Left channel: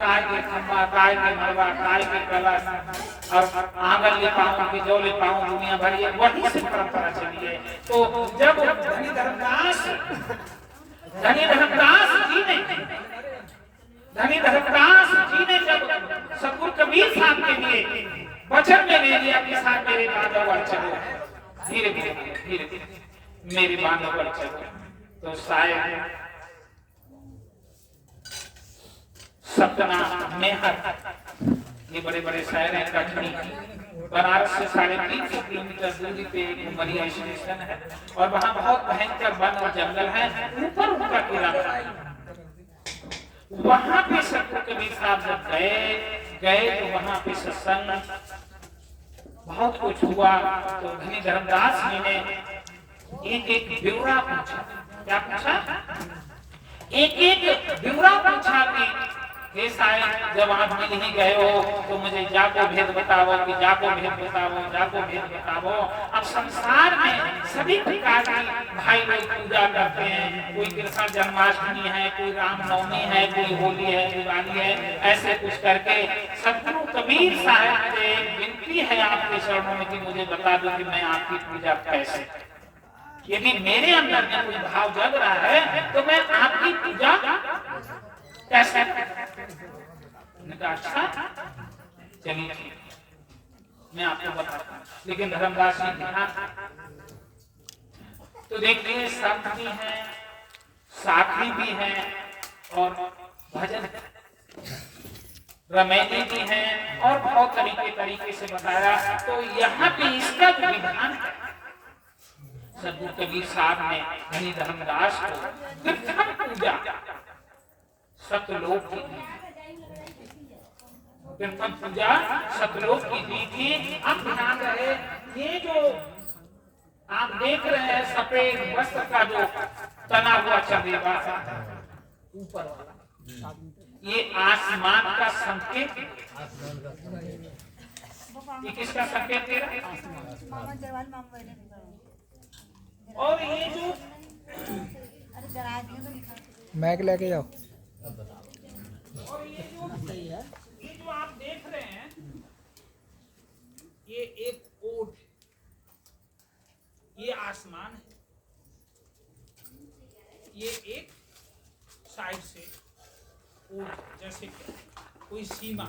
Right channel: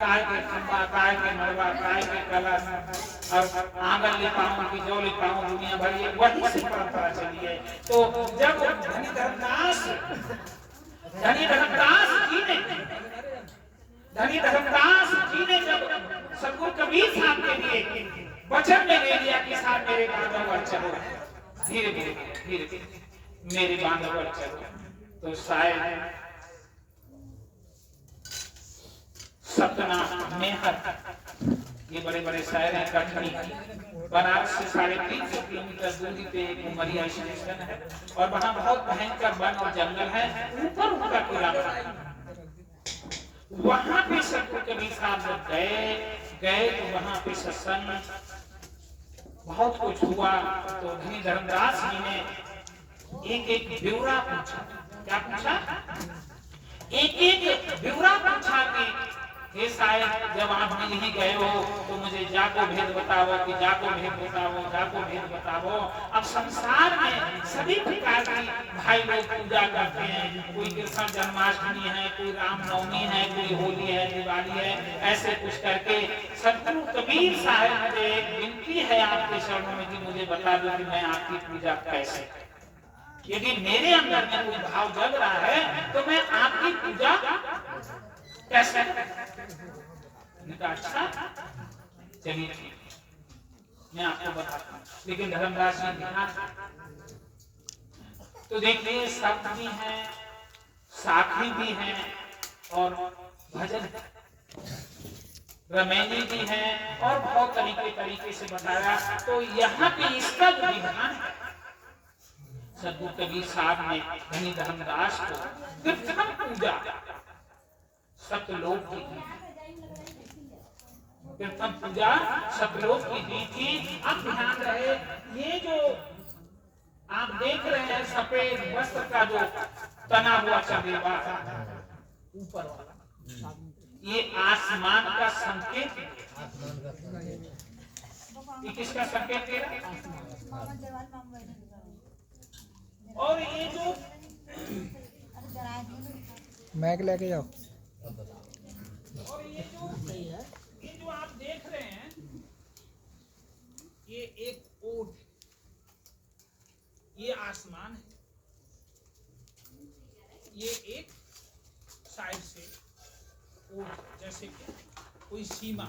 काय के खंबा, काय के मड़वा, काय के कलश और आंगन लिपाऊं की जो लिपाऊं दुनिया भर ये वही से परंपरा चली है। तो जब धनी धर्मदास जी ने जब सतगुरु कबीर साहब के लिए वचन में ले लिया कि साहब मेरे बांधों पर चलो, धीरे धीरे मेरे बांधों पर चलो, तो शायद सतना मेहर ये बड़े बड़े शहर हैं। कटनी बनारस से 350 किलोमीटर दूरी पे एक उमरिया स्टेशन है और वहाँ बहुत भयंकर वन और जंगल है। ऊपर उनका किराना, वहाँ पे सतगुरु कबीर साहब जब गए तो वहाँ पे सत्संग बहुत कुछ हुआ। तो धनी धर्मदास जी ने एक ब्यौरा पूछा। क्या पूछा? एक ब्यौरा पूछा कि हे साहब जब आप नहीं गए हो तो मुझे जाको भेद बताओ, कि जाको भेद बताओ, जाको भेद बताओ। अब संसार में सभी प्रकार की भाई लोग पूजा करते हैं। कोई कृष्ण जन्माष्टमी है, कोई रामनवमी है, कोई होली है, दिवाली है, ऐसे कुछ करके सतगुरु कबीर साहब से विनती है आपके चरणों में कि मुझे बता दो कि मैं आपकी पूजा कैसे, यदि मेरे अंदर में कोई भाव जग रहा है तो मैं आपकी पूजा कैसे? अच्छा चलिए मैं आपको बताता हूँ। लेकिन धर्मदास जी ध्यान तो देखिए, संत भी हैं, साखी भी हैं और भजन रमैनी भी हैं और बहुत तरीके से बताया। तो यहाँ पे इसका विधान है। सतगुरु कबीर साहब ने धनी धर्मदास को कीर्तन पूजा सतलोक की कीर्तन पूजा सतलोक की दी थी। अब ध्यान रहे, ये जो आप देख रहे हैं सफेद वस्त्र का जो तना हुआ चंदेवा ऊपर वाला, ये आसमान का संकेत, ये किसका संकेत दे रहा है? और ये जो मैक लेके जाओ, और ये जो आप देख रहे हैं, ये एक ओट, ये आसमान है, ये एक साइड से ओट, जैसे कि कोई सीमा।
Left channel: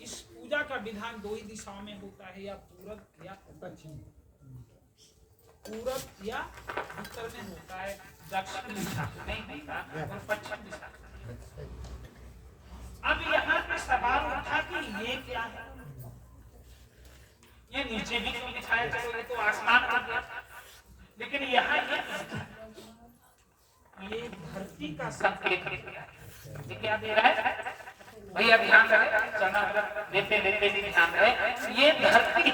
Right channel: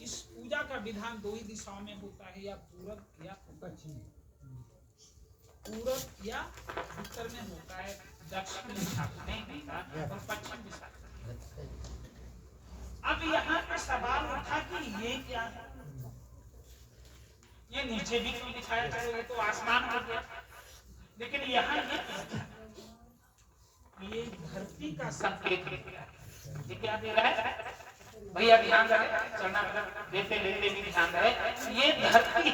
इस पूजा का विधान दो ही दिशाओं में होता है, या पूरब या पश्चिम। पूरब या उत्तर में होता है, दक्षिण दिशा नहीं होता, और पश्चिम दिशा। अब यहाँ पे सवाल उठा कि ये क्या है? ये नीचे भी क्यों दिखाया? चलो ये तो आसमान हो गया, लेकिन यहाँ ये धरती का संकेत ये क्या दे रहा है? भैया ध्यान रहे, चलना देते भी ध्यान रहे। ये धरती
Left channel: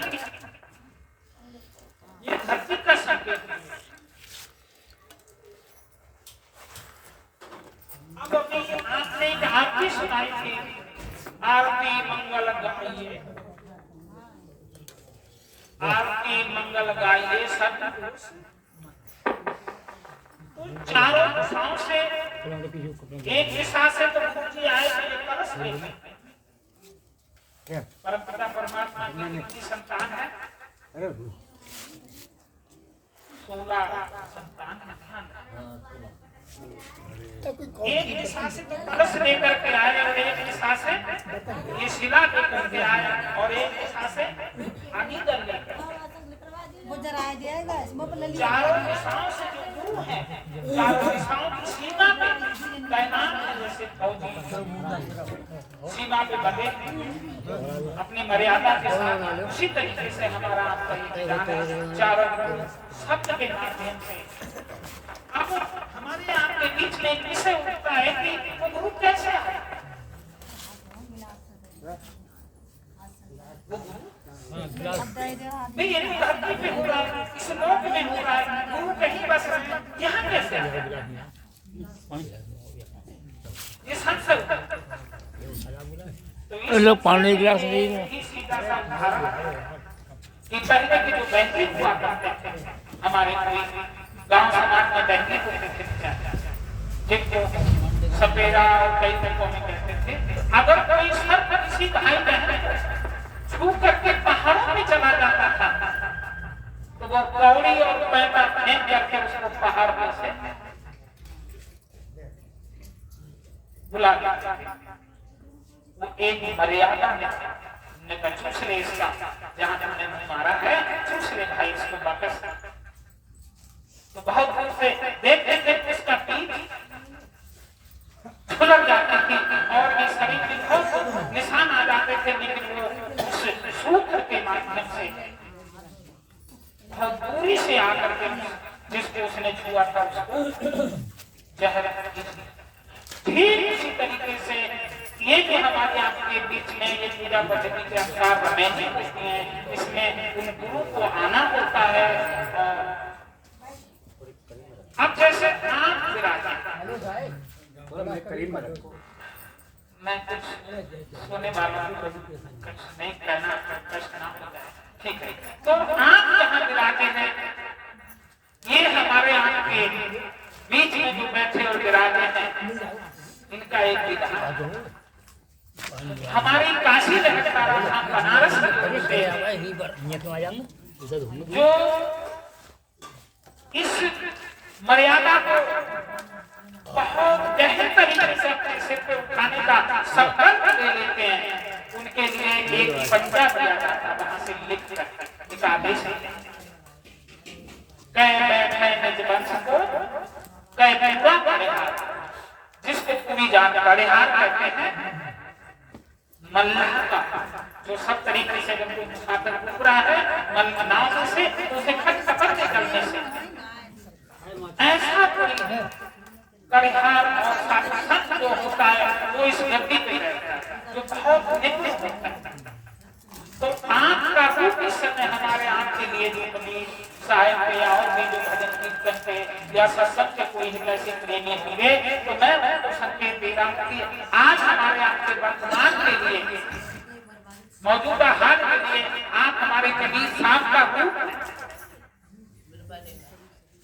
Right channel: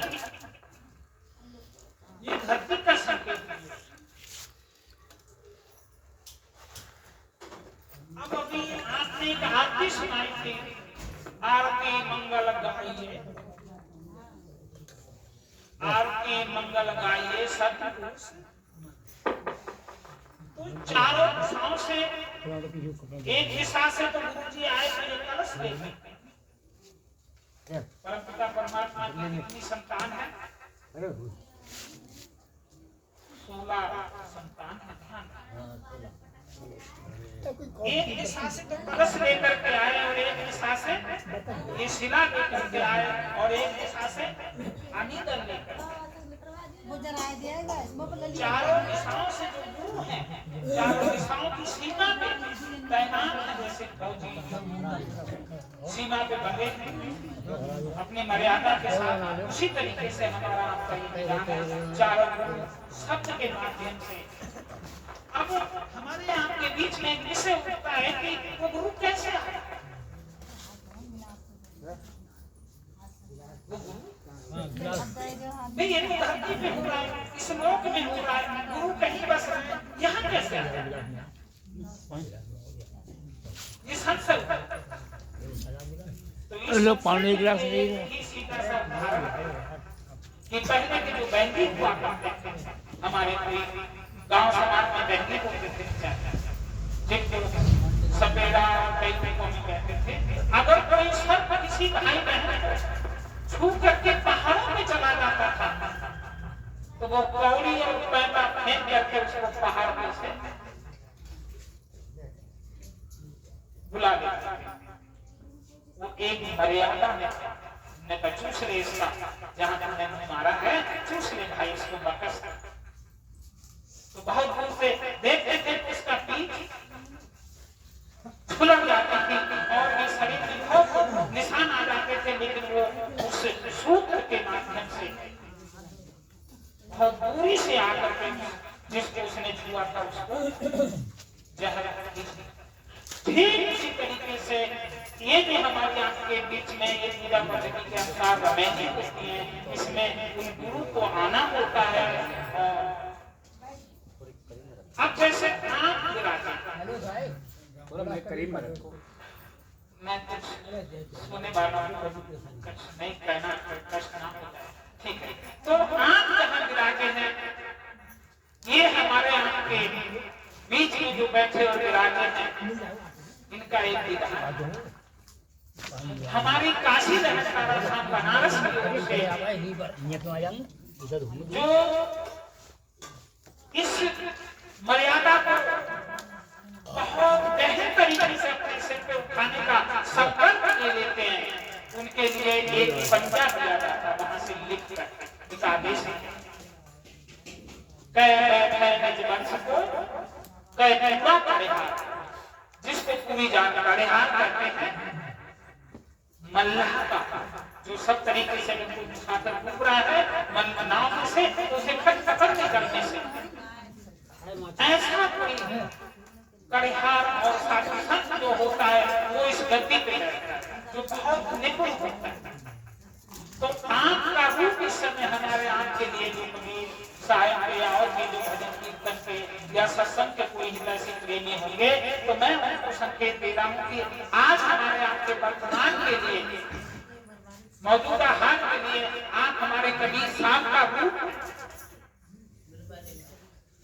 का संकेत है। अब अभी आपने एक आरती सुनाई थी, आरती मंगल गाइए, आरती मंगल गाइए सतगुरु। तो चारों दिशाओं से एक दिशा से तो गुरु जी आए थे कलश लेके। परमपिता परमात्मा की कितनी संतान है? 16 संतान है। एक दिशा से तो कलश लेकर के आए और एक दिशा से ये शिला लेकर के आए और एक दिशा से अनिदल लेकर के। चारों दिशाओं से जो गुरु है, चारों दिशाओं की सीमा पे तैनात है, जैसे फौजी सीमा पे बने अपनी मर्यादा के साथ। उसी तरीके से हमारा आपका ये विधान है, चारों शब्द के माध्यम से। अब हमारे आपके बीच में एक विषय उठता है कि वो गुरु कैसे आया? वो गुरु नहीं, ये तो धरती पे हो रहा है, इस लोक में हो रहा है, गुरु कहीं बस रहे हैं, यहाँ कैसे आया? ये संसद तो लोग पानी गिलास ले रहे हैं। सीधा सा उदाहरण कि पहले के जो बैंकी हुआ करते थे, हमारे कोई गांव समाज में बैंकी को जिनको कई तरीकों में कहते थे, अगर कोई सर्प किसी भाई बहन को छू करके पहाड़ों में चला जाता था तो वो कौड़ी और पैंता फेंक करके उसको पहाड़ में से बुला देता। वो एक मर्यादा में ने चूस ले इसका, जहां तुमने मारा है चूस ले भाई इसको वापस। तो बहुत दूर से देख देख उसका पीठ छुलक जाती थी और ये शरीर के बहुत निशान आ जाते थे, लेकिन वो उस सूत्र के माध्यम से बहुत दूरी से आकर के जिसको उसने छुआ था उसको जहर ठीक इसी तरीके से ये जो हमारे आपके बीच में ये पूजा पद्धति के अनुसार रमेनी होती है, इसमें उन गुरु को आना होता है। और अब जैसे आंख विराजे, मैं कुछ सुनने वाला हूँ, नहीं कहना प्रश्न ना हो जाए, ठीक है। तो आंख जहाँ विराजे हैं, ये हमारे आपके बीच में जो बैठे और विराजे हैं, इनका एक विधान हमारी काशी बनारस जो इस मर्यादा को बहुत गहन तरीके से अपने सिर पे उठाने का संकल्प ले लेते हैं, उनके लिए एक पंजा दिया जाता है, वहां से लिख कर एक आदेश है, जिसको पूरी जात परिहार कहते हैं, मल्लाह का जो सब तरीके से छात्र टुकड़ा है नाव से उसे खट पकड़ निकलने से ऐसा कोई परिहार और साधन जो होता है वो इस गद्दी पे रहता है, जो बहुत नित्य होता है। तो आंख का रूप इस समय हमारे आंख के लिए जो कबीर साहिब के और भी जो भजन कीर्तन के या सत्संग के कोई ऐसे प्रेमी होंगे, तो मैं संकेत देता हूँ कि आज हमारे आपके वर्तमान के लिए मौजूदा हाल के लिए आप हमारे कबीर साहब का रूप,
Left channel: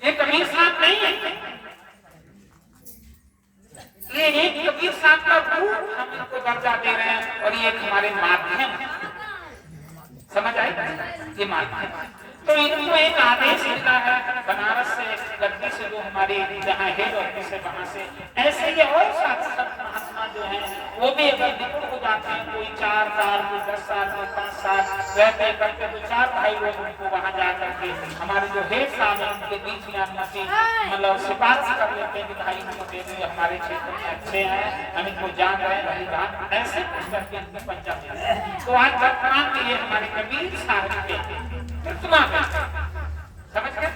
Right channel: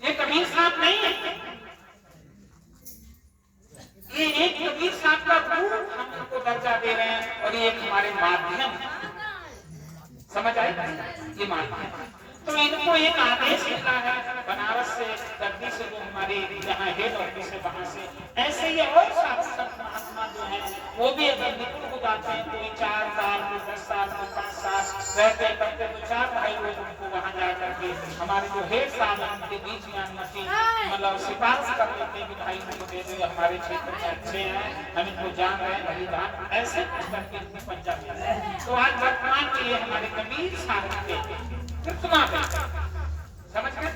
ये कबीर साहब नहीं है, ये एक कबीर साहब का रूप हम इनको दर्जा दे रहे हैं, और ये हमारे माध्यम, समझ आए, ये माध्यम। तो इनको एक आदेश मिलता है बनारस से, गद्दी से, जो हमारे यहाँ हेड ऑफिस है वहां से, ऐसे ही और साथ महात्मा जो हैं वो भी अगर निपुण हो जाते हैं, कोई 4 साल, कोई 10 साल, कोई 5 साल रहते करते, तो 4 भाई लोग उनको वहां जा करके हमारे जो हेड साहब हैं उनके बीच में अनुमति मतलब सिफारिश कर लेते हैं कि भाई हमको दे दे, हमारे क्षेत्र में अच्छे हैं, हम इनको जान रहे हैं, हरिदान ऐसे कुछ करके इनकी पंचायत। तो आज वर्तमान में ये हमारे कबीर साहब के प्रतिमा समझ गए।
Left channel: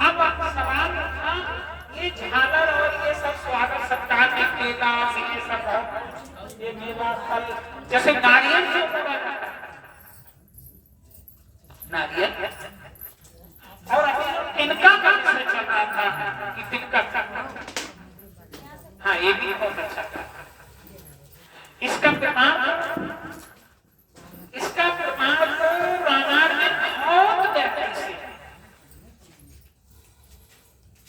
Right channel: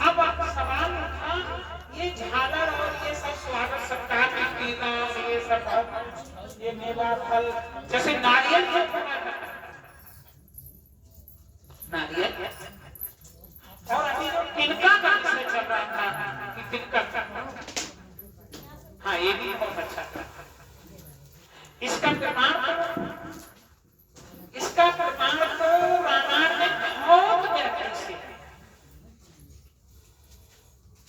अब आपका सवाल था ये झालर और ये सब स्वागत सत्कार के मेला, ये सब ये मेला फल जैसे नारियल से नारियल, और अभी तिनका काम से चल रहा था कि तिनका, हाँ ये भी बहुत अच्छा था। इसका प्रमाण तो रामायण में बहुत गहराई से,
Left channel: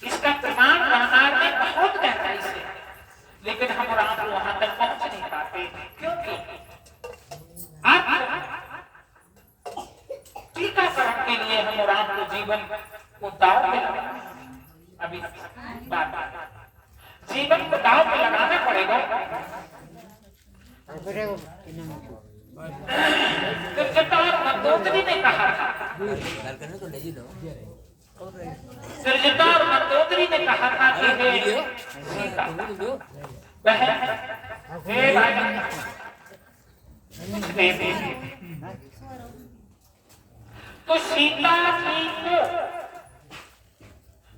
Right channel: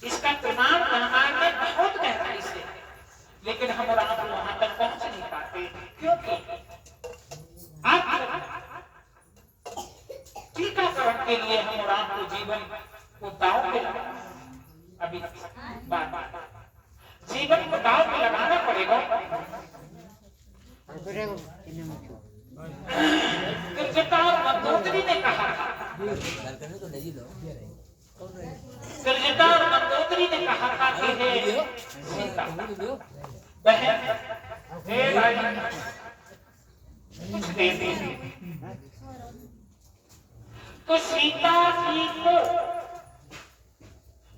इसका प्रमाण रामायण में बहुत गहराई से, लेकिन हम और आप वहां तक पहुंच नहीं पाते, क्योंकि आप टीकाकरण के लिए हम और आपको जीवन को दांव पे लगाना, अभी बात जीवन को दांव पे लगाना पड़ेगा। दुर्जटा और मंदोदरी ने कहा था, दुर्जटा और मंदोदरी ने कहा था कि हे सीता बहन, हे भाई तो सीता जी को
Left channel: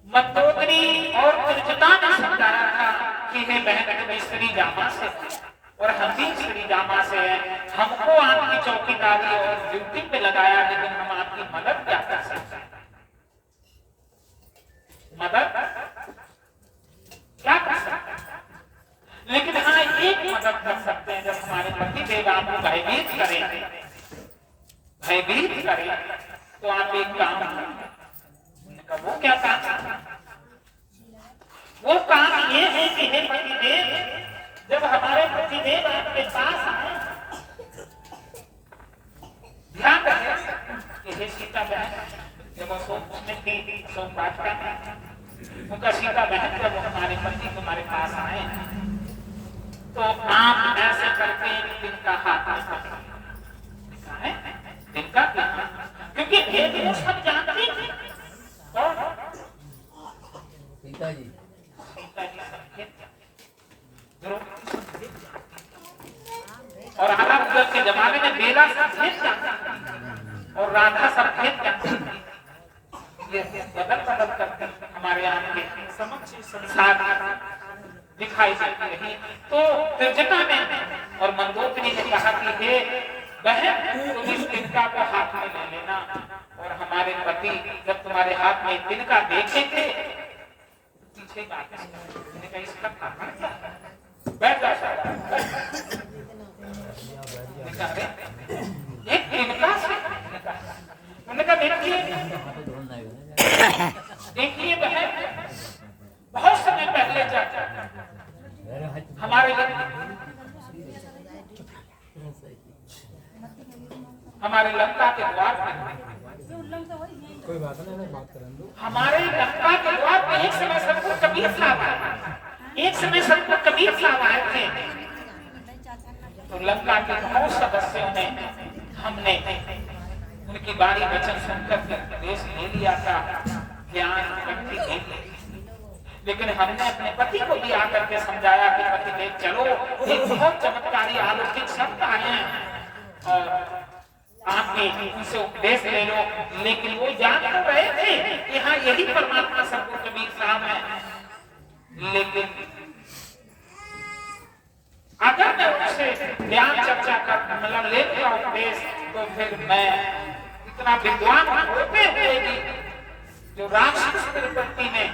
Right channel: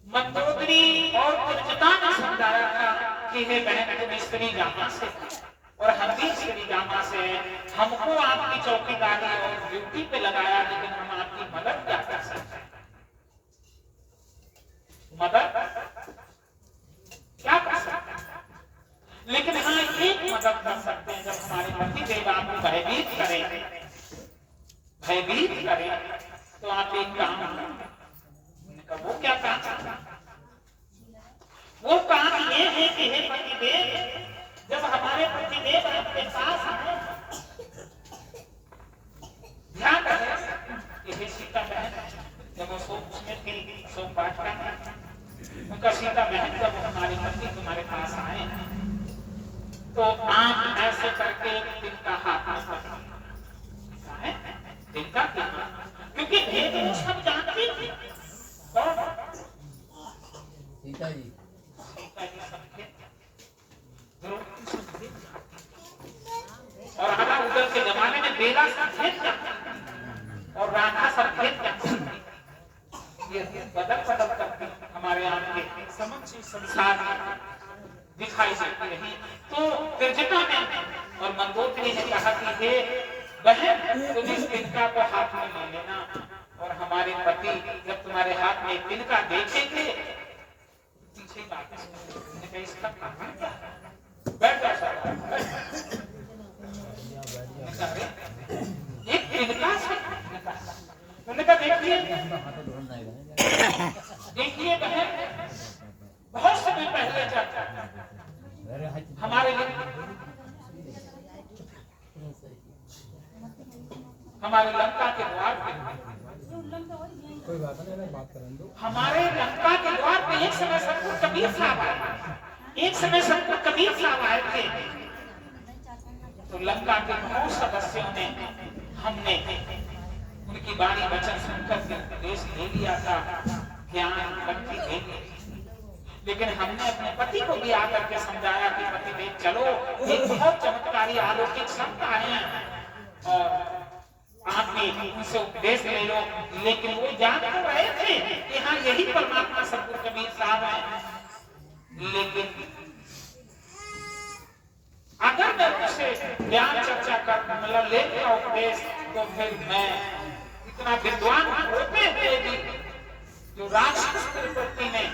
मंदोदरी और दुर्जटा ने समझाया था कि हे बहन, तुम स्त्री जामा से और हम भी स्त्री जामा से हैं, हमको आपकी चौकीदारी और ड्यूटी पे लगाया, लेकिन हम आपकी मदद क्या कर सकते हैं, मदद क्या कर सकते हैं, लेकिन हाँ एक मदद कर सकते हैं, जब हमारे पति देव आपको भयभीत करें, तो आप एक काम करें। वो क्या काम? वो काम ये है कि हे पति देव, जब देव आपके पास आए, ध्यान रखें कि हे सीता बहन, जब वो उसमें थी सोमपाठ का, उनका सीता बहन जब हमारे पति तुम्हारे पास आए तो आप ऐसे करके तिनका हाथ में पकड़ा है, तिनका क्योंकि भेद वो सब जानते थे। कौन? सीता जी और हरा उधर के जमाने में बेला सब भेद जानती और राधा सब भेद जानती। ये बदल करते हमारे यहाँ के समक्ष संसार दिखाई देती रही। तो त्रिजटा में और मंदोदरी ने कहा कि हे बहन, तुम इस तिनका को हाथ में ले लेना, और हमारे पति जब तुम्हारे हाथ में तिनका देखेंगे पीछे मैंने कहा इसका कारण क्या है? बैठ जा ये तिनका से मैंने कहा देखिए बहन, बहुत समय पहले जाता हमारे लंका के द्वार पे, कोई बात नहीं, बात करेंगे। हमारे लंका के द्वार पे एक समय सबको कबीर साहब आए, एक समय सबको कबीर साहब आए थे। तो लंका के बहुत सदस्यों ने, हमने उनकी बाणी वचन सुनकर के उपदेश ले लिया था, ज्ञान भक्ति ले ली, लेकिन हमने अपने पति को भी आकर के समझाया कि पति देख चलो, एक बहुत चमत्कारी अलौकिक शब्द आए हैं और आप भी इनसे उपदेश ले लो। लेकिन वो जान तो रहे थे कि हाँ यही परमात्मा सतगुरु कबीर साहब हैं, लेकिन अगर मैं उनसे ज्ञान चर्चा कर मतलब लेता उपदेश तो फिर मैं इतना विद्वान होते हुए भी जो राक्षस प्रवृत्ति में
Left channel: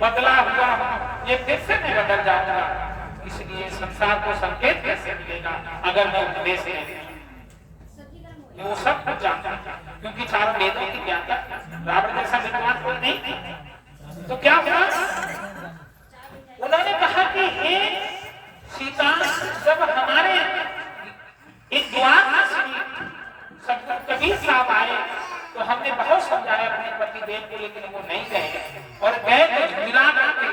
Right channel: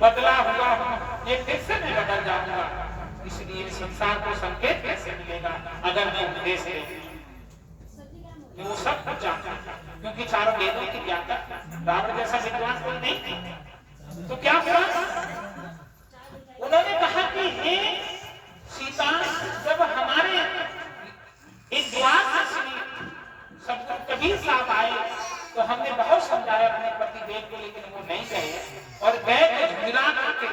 बदला हुआ हूं, ये फिर से मैं बदल जाऊंगा। इसलिए संसार को संकेत कैसे मिलेगा अगर मैं उपदेश ले लूं? वो सब कुछ जानता, क्योंकि चारों वेदों की ज्ञाता, रावण जैसा विद्वान कोई नहीं। तो क्या हुआ? उन्होंने कहा कि हे सीता, जब हमारे एक द्वार सतगुरु कबीर साहब आए तो हमने बहुत समझाया अपने पति देव को, लेकिन वो नहीं गए और गए तो मिला के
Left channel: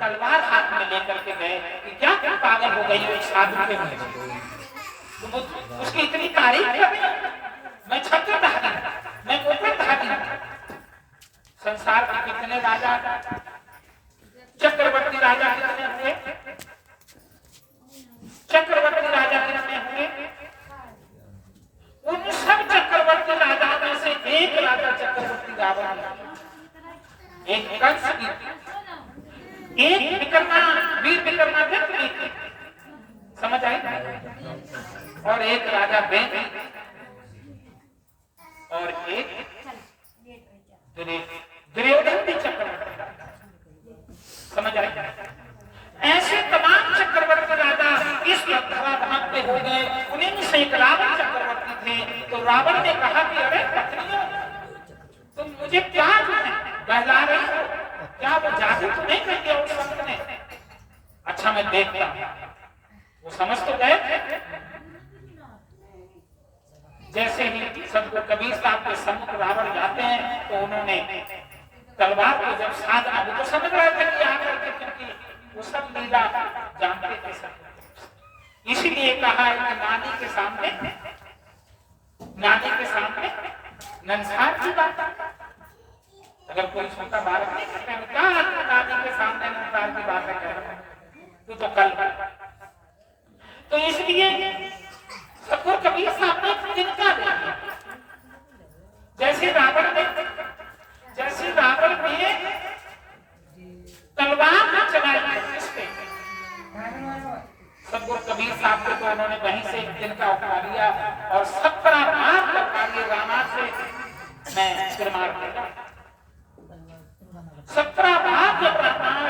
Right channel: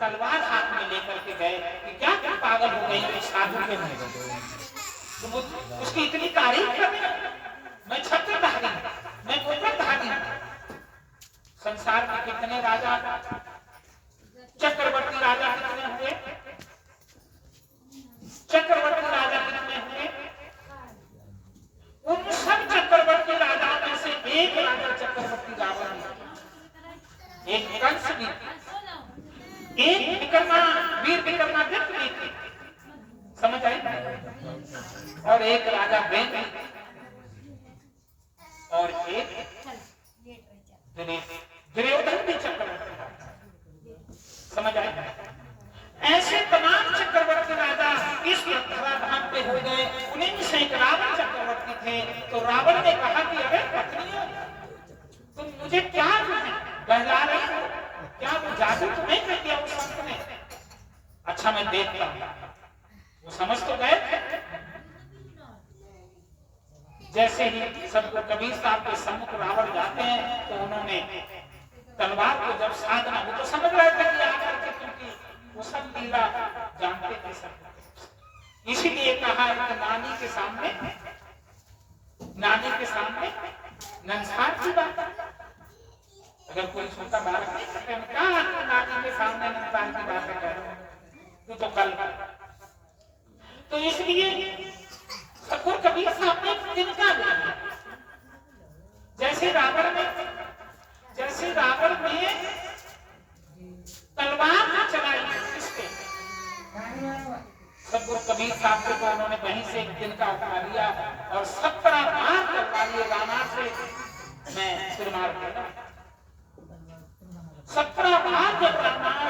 तलवार हाथ में लेकर के गए कि क्या तुम पागल हो गई हो साधु के में? उसकी इतनी तारीफ कर, मैं छत्रधारी, मैं मुकुटधारी। संसार के कितने राजा, चक्रवर्ती राजा कितने हुए? चक्रवर्ती राजा कितने हुए? उन सब चक्रवर्ती राजा में से एक राजा चक्रवर्ती रावण, एक कंस भी, एक विकर्मा वीर विक्रमादित्य भी, समझ आई? और एक राजा बेन और एक दुर्योधन भी चक्रवर्ती, समझ आई? ऐसे तमाम चक्रवर्ती राजा इस धराधाम पे हो गए। उन्हीं में से एक रावण चक्रवर्ती थे। तो रावण ने कहा कि अरे पत्नियों, तुम मुझे क्या बहला रही हो? क्या वो जादू तो नहीं कर दिया उस संत ने? अच्छा मैं देखता हूं। वो समझ तो गए। जैसे ही सतगुरु कबीर साहब के सम्मुख रावण जाते हैं तो उन्होंने तलवार को जब साधना, वो तो समझ रहे थे कि आकर के, क्योंकि वो सब लीला जानते थे सब, इसलिए कहा कि नानी के सामने नंसार की बात। अगर कोई छोटा बालक नहीं सकता, नानी के सामने नंसार की बात है तू तो कल। तो इसलिए सतगुरु कबीर साहब ने तिनका दिया। जैसे रावण ने तलवार चलाई इसके, सतगुरु कबीर साहब को तो उन्होंने वहीं से तिनका उठा लिया और 17 बार तलवार राना से मैं सिर मार दिया। 17 बार जब रावण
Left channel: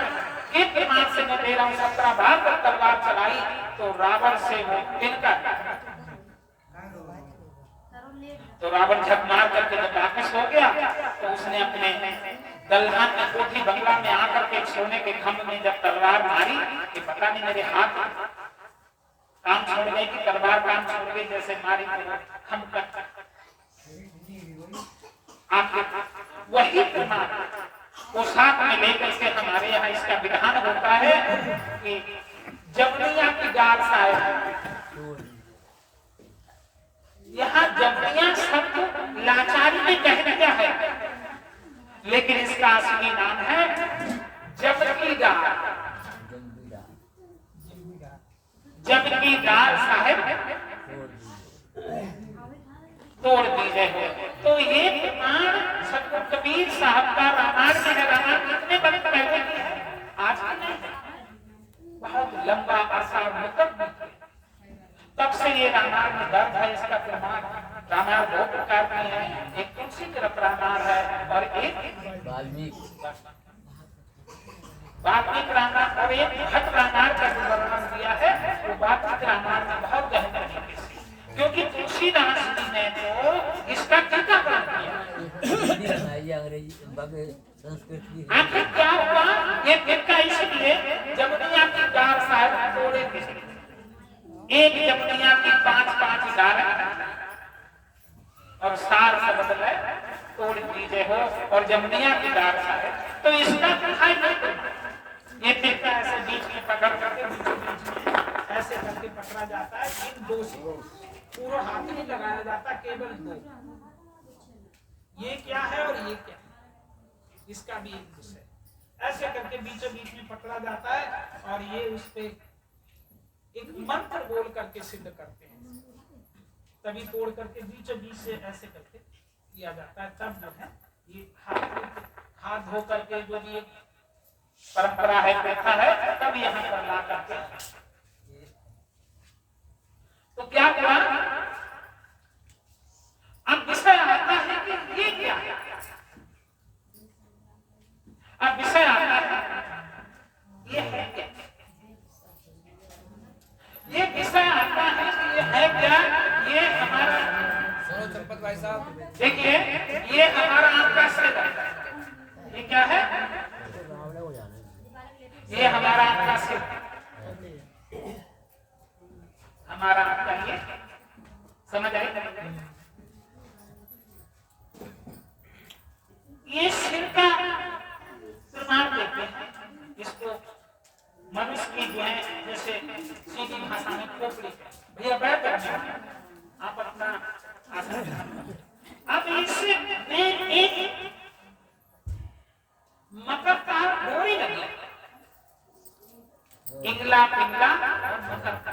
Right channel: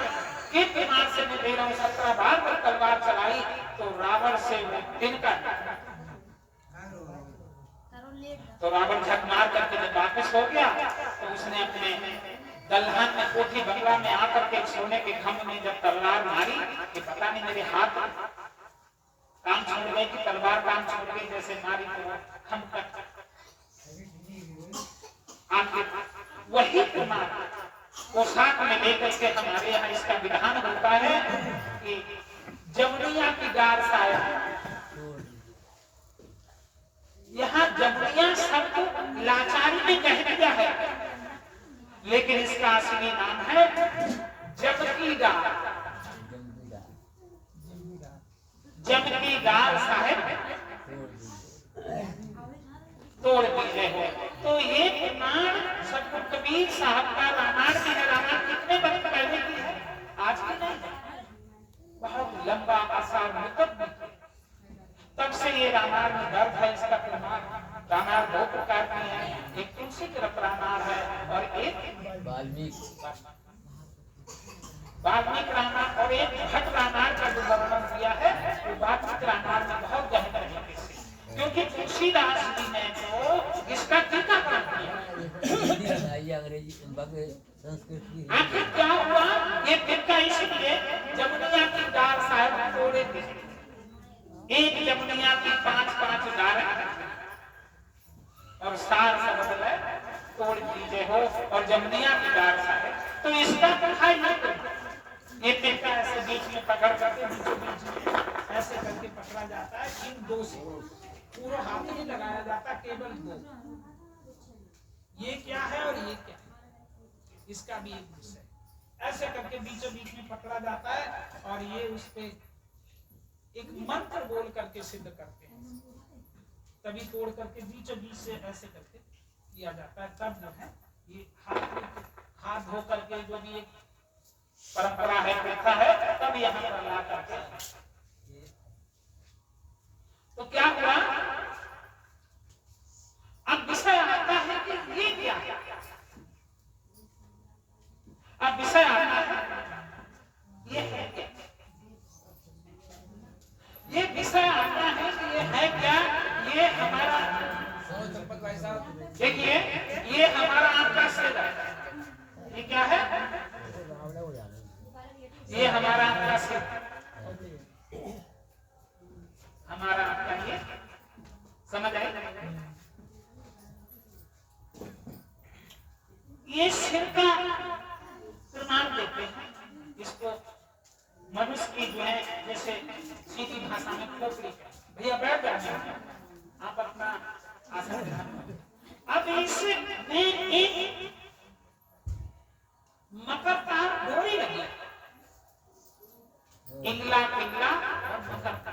के दिमाग से मैं दे रहा हूं, 17 बार जब तलवार चलाई तो रावण से वो तिनका, तो रावण झक मार करके जब वापस हो गया तो उसने अपने दलहन में कोठी बंगला में आकर के सोने के खंभ में जब तलवार मारी कि पता नहीं मेरे हाथ काम छोड़ गए कि तलवार काम छोड़ गए, जैसे मारी तो हम तक आपके वही प्रमाण को साथ में लेकर के हमारे यहाँ इसका विधान होता है कि जमुनिया की गार साहब, यहाँ जमुनिया शब्द लाचारी में कह दिया है, लेकिन इसका असली नाम है जमकी गार। जमकी गार साहब तोड़ दीजिए हो। तो ये प्रमाण सबको कबीर साहब का रामायण में है। रामायण कितने बरस पहले की है, आज की नहीं है, बहुत लंबा आसार मुकद्दम तब से ये रामायण में दर्ज है। इसका प्रमाण रामायण दो प्रकार की है, एक तुलसी तरफ रामायण है और एक वाल्मीकि रामायण, और एक भट्ट रामायण का जो वर्णन किया है वो वाल्मीकि रामायण में बहुत गहन तरीके से, क्योंकि तुलसीदास जी ने तो इसका टीकाकरण किया। आखिर क्या हुआ, ये टीका इसलिए जमुनिया की डाल साहब तोड़े थे, एक जमुनिया की 5-5 डालें और सार शब्द है तोड़ दीजिए हो, और जमुनिया की डाल साहब, तो इसका है ना ये टीका ऐसे बीच में पकड़ करके बीच में ऐसे करके पकड़ा जाता है, इन दो से पूरा हाथ में लगाया जाता है, केवल दो। ये क्या है और ये क्या है, इसका भी एक विषय, ऐसे करके बीचों बीच में पकड़ा जाता है और ये उस पे एक मंत्र बोल करके सिद्ध करते हैं, तभी तोड़ करके बीचों बीच से ऐसे करके किया जाता है। तब जो है ये हाथ धो करके जो भी एक परंपरा है, प्रथा है, तब यहाँ पर ला करके तो क्या हुआ। अब विषय आता है कि ये क्या है, अब विषय आता है ये है क्या, ये विषय आता है कि ये है क्या। ये हमारा देखिए, ये हमारा आपका सिर है, ये क्या है, ये हमारा आपका सिर, हमारा आपका ये, समझ आए, ये सिर का प्रमाण देते हैं। इसको मनुष्य की जो है जैसे सीधी भाषा में खोपड़ी, भैया बैठ जाते, आप अपना आसन। अब इसमें एक मकर का डोरी लगी, इंगला पिंगला मकर का,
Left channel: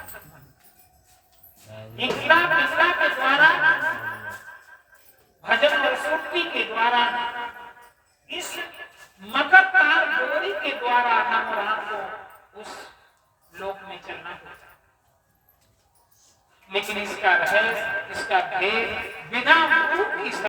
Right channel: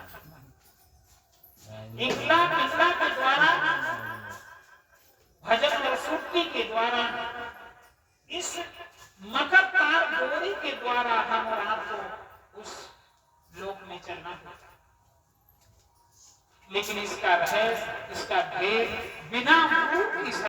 इंगला पिंगला के द्वारा भजन और सूक्ति के द्वारा इस मकर तार डोरी के द्वारा हम राम को उस लोक में चलना होता, लेकिन इसका रहस्य, इसका भेद बिना